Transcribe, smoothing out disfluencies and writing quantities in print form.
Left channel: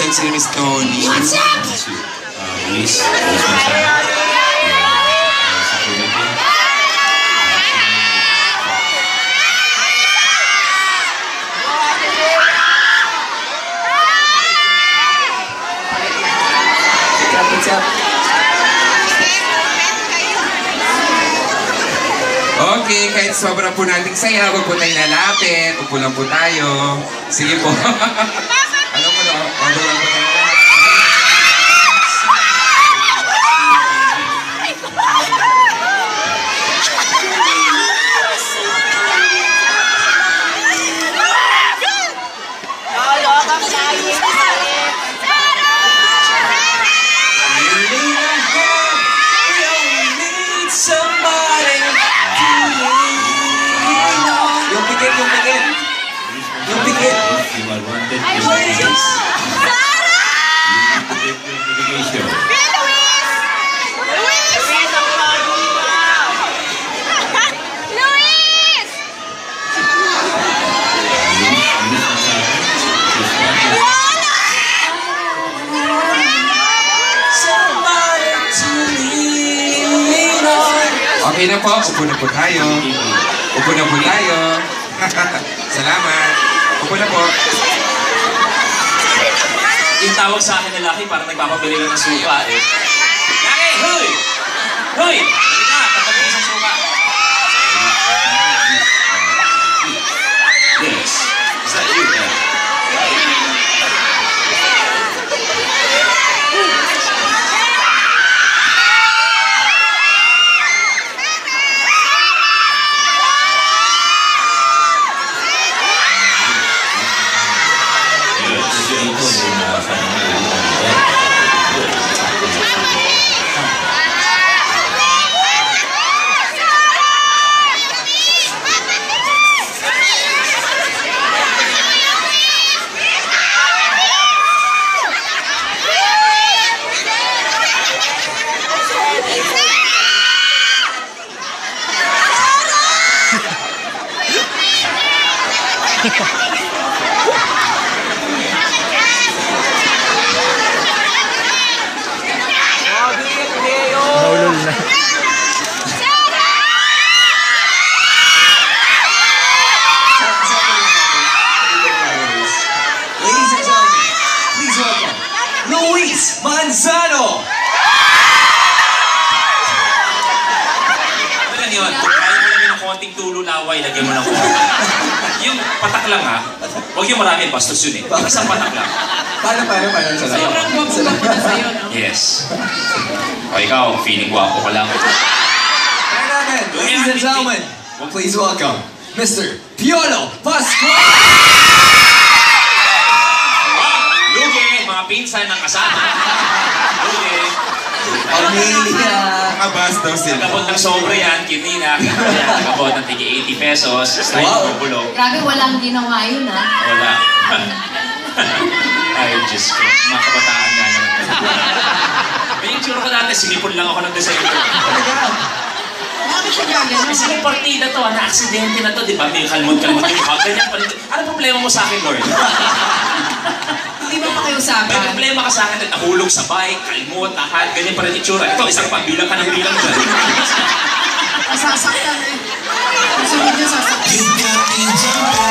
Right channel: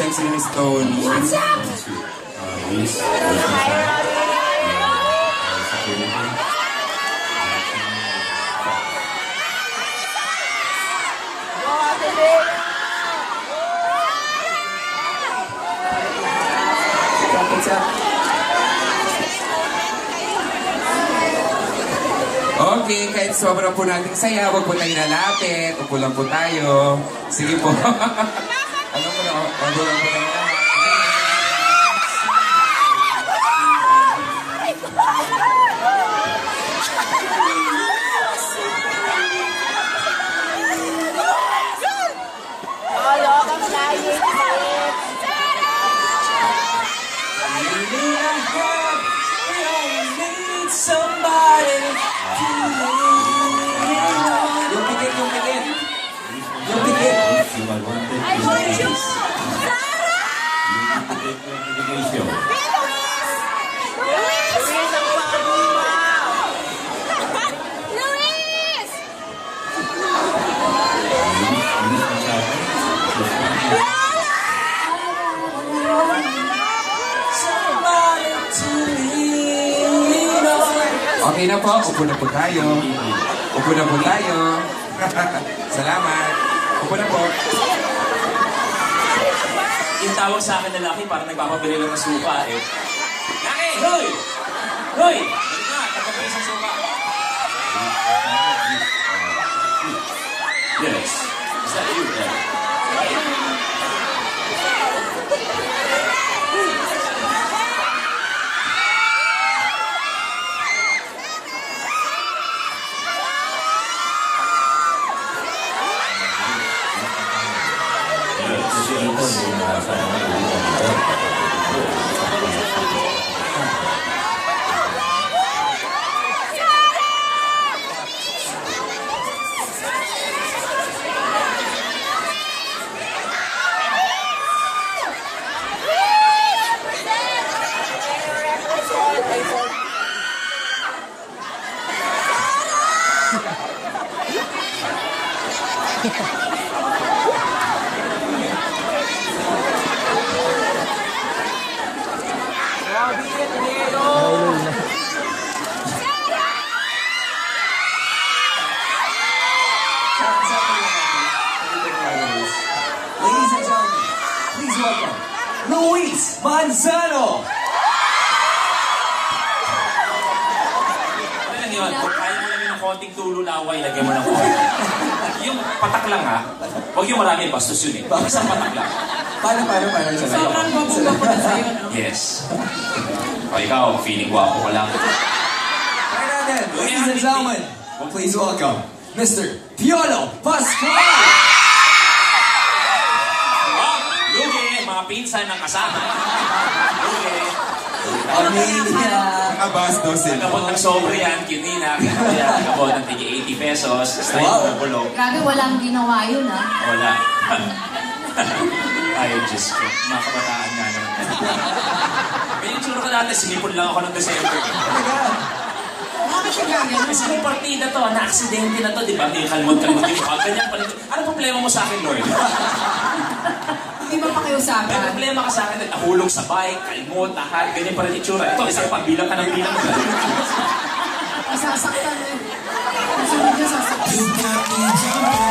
send si Miss Tony. What's up? Luis Masyado. Sa Philippines. What's up? Okay, kahit sobrang po nating saya, huwag po tayo lalapit. Upo lang po tayo. Sige po. Alam mo na, ano lang po tayo. Yung bigit. You are wanted. I want you. You need to get your medication. Okay na po, upo na po tayo. Upo na po tayo. Salamat. Upo na po. Yung tawag sa akin na laki, parang nagpapabili lang ng suka eh. Laki! Hoy! Hoy! Balik na, tapagin isang suka. Yes. Is that you? Naulol na. Ladies and gentlemen, please welcome Luis Manzano! Ano lang yun? Kung kaya mo lang yung konting tulo laway, lagyan mo ng konti. Yung patak lang ha. Huwag yung marami, bastos yun eh. Isang patak lang. Paano? Sobrang gwapo-gwapo na sa'yo, no? Yes. O ikaw, feeling guwapo ka lang. Ladies and gentlemen, please welcome Mr. Piolo Pascual! Lugi, mga pinsan ng kasama. Lugi. Amelia! Nakabas daw sila. Nagabot ng sobre yan, kinina. Nagabot ng tigi 80 pesos. Style ng bulog. Grabe, walang ginawa yun, ha? Wala. Ay, Diyos ko. Mga kabataan na naman. May yung tsura ko dati, sinipon lang ako ng December. Bakit siya gagano? Kasi yung partida to, na-aksidente na to, di ba? May kalmot-kalmot yung ganyan pa rin. Ano problema mo sa akin, Lord? Hindi ba pa kayo usapan? May problema ka sa akin, nahulog sa bike, kalmot, lahat, ganyan pa rin itsura. Ito, isang pagbilang ka ng bilang dyan. Nasasaktan eh. Gusto mo dyan sasaktan.